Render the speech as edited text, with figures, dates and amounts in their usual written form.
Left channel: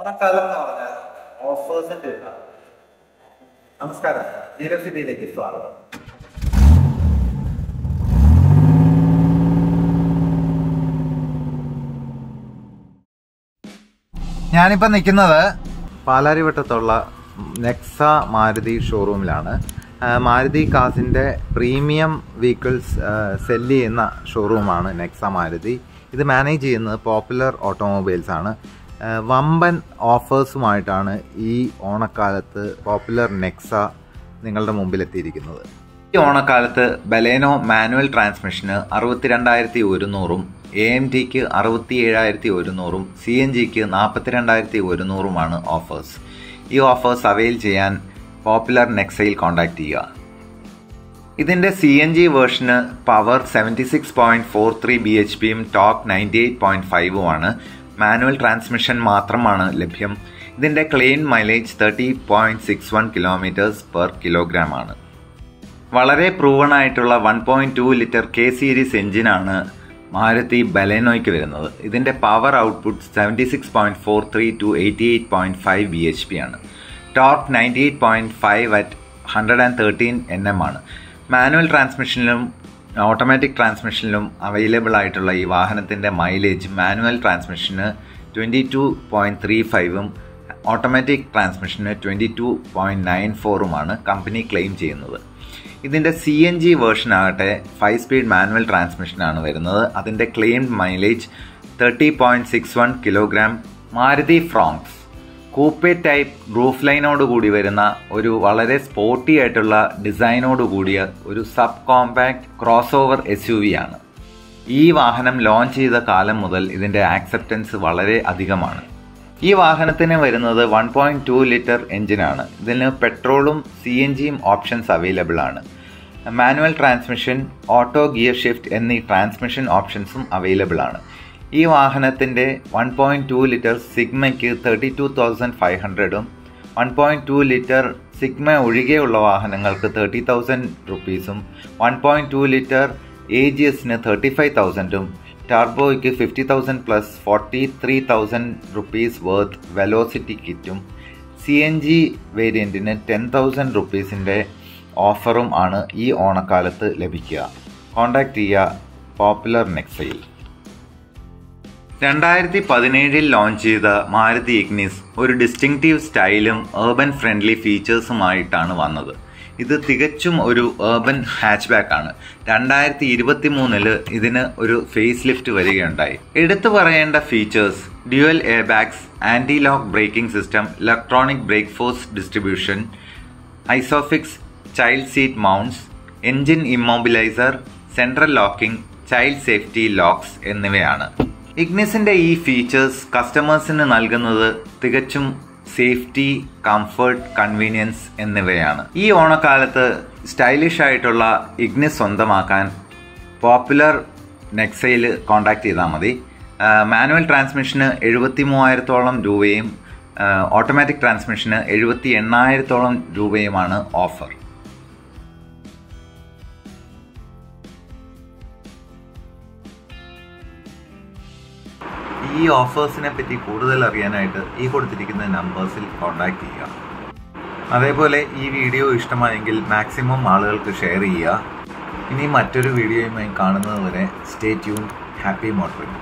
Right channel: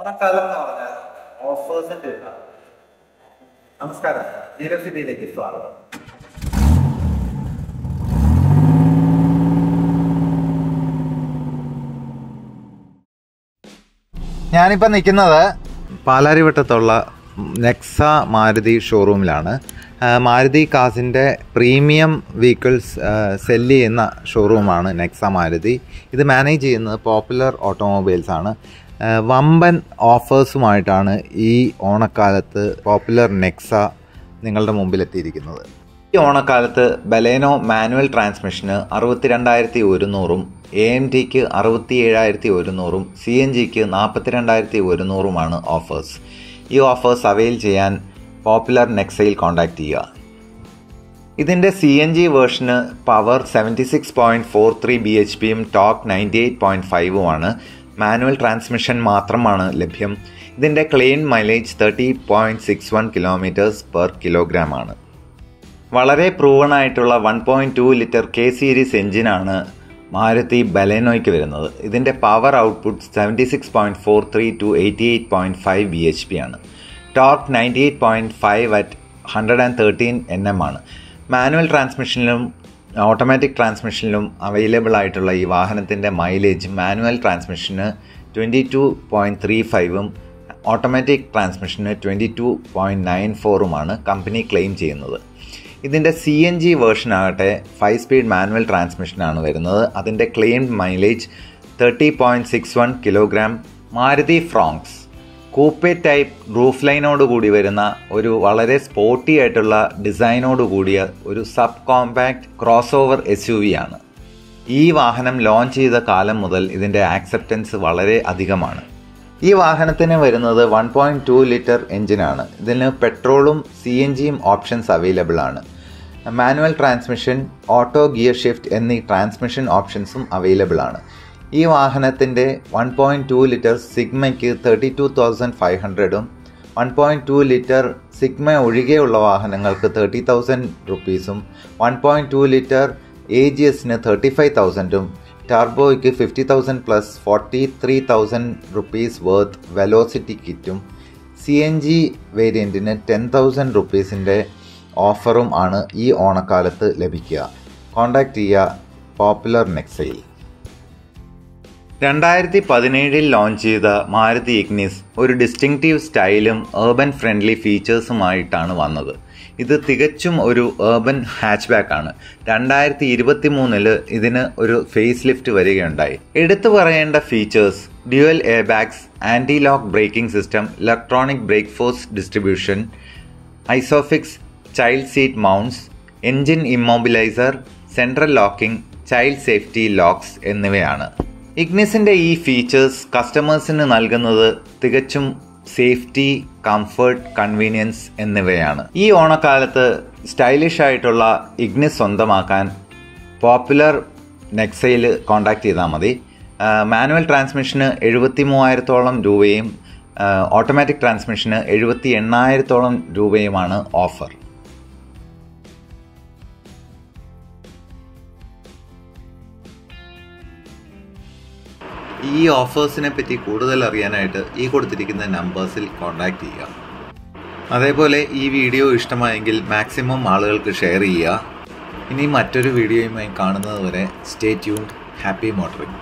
ഓണക്കാലം എന്ന് പറഞ്ഞാൽ ഓഫേഴ്സിന്റെ ഇതാണ്. നമസ്കാരം, നീരവ് സിറ്റിയിലേക്ക് സ്വാഗതം. ഞാനിപ്പോൾ നിൽക്കുന്നത് പാലാരിവട്ടത്തുള്ള നെക്സ മാരുതി ഷോറൂമിലാണ്. മാരുതി കാസിൻ്റെ പ്രീമിയം വെഹിക്കിൾസ് സെല്ല് ചെയ്യുന്ന ഷോറൂമാണ് നെക്സ മാരുതി. ഇത് മാനേജ് ചെയ്യുന്നത് പോപ്പുലർ ഓട്ടോമൊബൈൽസ് ആണ്. വമ്പൻ ഓഫേഴ്സുമായിട്ടാണ് ഈ ഓണക്കാലത്ത് പോപ്പുലർ നെക്സ നിങ്ങളുടെ മുമ്പിലെത്തിയിരിക്കുന്നത്. ഈ ഓണക്കാലത്ത് ബലേനോ മാനുവൽ ട്രാൻസ്മിഷന് 62,100ഉം AMTക്ക് 67,100ഉം CNGക്ക് 42,100ഉമാണ് ഓഫേഴ്സ്. ഈ ഓഫേഴ്സ് അവൈൽ ചെയ്യാൻ പോപ്പുലർ നെക്സയിൽ കോൺടാക്റ്റ് ചെയ്യുക. ഇതിൻ്റെ CNG വേർഷന് പവർ 76.43 bhpയും ടോർക്ക് 98.5ഉമാണ്. മാനുവൽ ട്രാൻസ്മിഷൻ മാത്രമാണ് ലഭ്യം. ഇതിൻ്റെ ക്ലെയിം മൈലേജ് 30.61 km/kg ആണ്. വളരെ പ്രൂവൺ ആയിട്ടുള്ള 1.2 ലിറ്റർ K സീരീസ് എഞ്ചിനാണ് മാരുതി ബലേനോയ്ക്ക് വരുന്നത്. ഇതിൻ്റെ പവർ ഔട്ട്പുട്ട് 76.43 to 88.5 bhp ആണ്. ടോർക്ക് 98.5 at 113 Nm ആണ്. മാനുവൽ ട്രാൻസ്മിഷനിലും ഓട്ടോമാറ്റിക് ട്രാൻസ്മിഷനിലും അവൈലബിൾ ആയിട്ടുള്ള ഈ വാഹനത്തിൻ്റെ മൈലേജ് മാനുവൽ ട്രാൻസ്മിഷന് 22.35ഉം ഓട്ടോമാറ്റിക് ട്രാൻസ്മിഷന് 22.94ഉമാണ് കമ്പനി ക്ലെയിം ചെയ്യുന്നത്. ഇതിൻ്റെ CNG വേർഷൻ ആകട്ടെ 5 സ്പീഡ് മാനുവൽ ട്രാൻസ്മിഷനാണ് വരുന്നത്. അതിൻ്റെ claimed mileage 30.61 kg. Maruti Fronx coupe type roof ലൈനോട് കൂടി വരുന്ന ഒരു വളരെ സ്പോർട്ടി ആയിട്ടുള്ള ഡിസൈനോട് കൂടിയ ഒരു sub compact crossover SUV ആണ്. ഈ വാഹനം ലോഞ്ച് ചെയ്ത കാലം മുതൽ ഇതിൻ്റെ ആക്സെപ്റ്റൻസ് വളരെ അധികമാണ്. ഈ വാഹനത്തിന് വരുന്നത് 1.2 ലിറ്റർ എഞ്ചിനാണ്. ഇതിന് പെട്രോളും CNGയും ഓപ്ഷൻസ് അവൈലബിൾ ആണ്. Manual transmission, auto gear shift എന്നീ ട്രാൻസ്മിഷൻ ഓപ്ഷൻസും അവൈലബിൾ ആണ്. ഈ വാഹനത്തിൻ്റെ 1.2 ലിറ്റർ സിഗ്മയ്ക്ക് 32,500ഉം 1.2 ലിറ്റർ സിഗ്മ ഒഴികെയുള്ള വാഹനങ്ങൾക്ക് 30,000 rupees 1.2 ലിറ്റർ AGSന് 35,000ഉം ടർബോയ്ക്ക് 50,000 പ്ലസ് 43,000 rupees വർത്ത് വെലോസിറ്റി കിറ്റും CNG വേരിയൻറ്റിന് 10,000 rupeesൻ്റെ ഓഫറും ആണ് ഈ ഓണക്കാലത്ത് ലഭിക്കുക. കോൺടാക്റ്റ് ചെയ്യുക പോപ്പുലർ നെക്സയിൽ. 2017 ലോഞ്ച് ചെയ്ത മാരുതി ഇഗ്നിസ് ഒരു ഡിസ്റ്റിങ്റ്റീവ് സ്റ്റൈലും ഏർബൻ ഫ്രണ്ട്ലി ഫീച്ചേഴ്സുമായിട്ടാണ് വന്നത്. ഇത് തികച്ചും ഒരു ഏർബൻ ഹാച്ച്ബാക്ക് ആണ്. 2023 ഇതിന് ഒരു ഫേസ് ലിഫ്റ്റ് വരികയുണ്ടായി. എടുത്തു പറയേണ്ട features: dual air bags, anti lock braking system, electronic brake force distribution, isofix child seat mounts, engine immobiliser, central locking, child safety locks എന്നിവയാണ്. ഇഗ്നിസിൻ്റെ ഈ ഫീച്ചേഴ്സ് കസ്റ്റമേഴ്സിന് നൽകുന്നത് തികച്ചും സേഫ്റ്റി, കംഫർട്ട്, കൺവീനിയൻസ് എന്നിവയാണ്. ഈ ഓണക്കാലത്ത് സ്റ്റൈലിഷ് ആയിട്ടുള്ള ഇഗ്നിസ് സ്വന്തമാക്കാൻ പോപ്പുലർ നെക്സയിൽ കോൺടാക്റ്റ് ചെയ്താൽ മതി. മാനുവൽ ട്രാൻസ്മിഷന് 73,000ഓളം രൂപയും ഓട്ടോമാറ്റിക് ട്രാൻസ്മിഷന് 78,000ഓളം രൂപയുമാണ് ഓഫർ. ഈ ഓഫേഴ്സിനെ പറ്റി കൂടുതൽ അറിയാനായിട്ട് ഈ കൊടുത്തിരിക്കുന്ന നമ്പേഴ്സിൽ കോൺടാക്റ്റ് ചെയ്യുക. അതേപോലെ ഈ വീഡിയോ ഇഷ്ടമായെങ്കിൽ മാക്സിമം ആളുകൾക്ക് ഷെയർ ചെയ്യുക. ഇനി മറ്റൊരു വീഡിയോയുമായി കാണുന്നത് വരെ സ്റ്റേ ട്യൂൺഡ്. Happy motoring.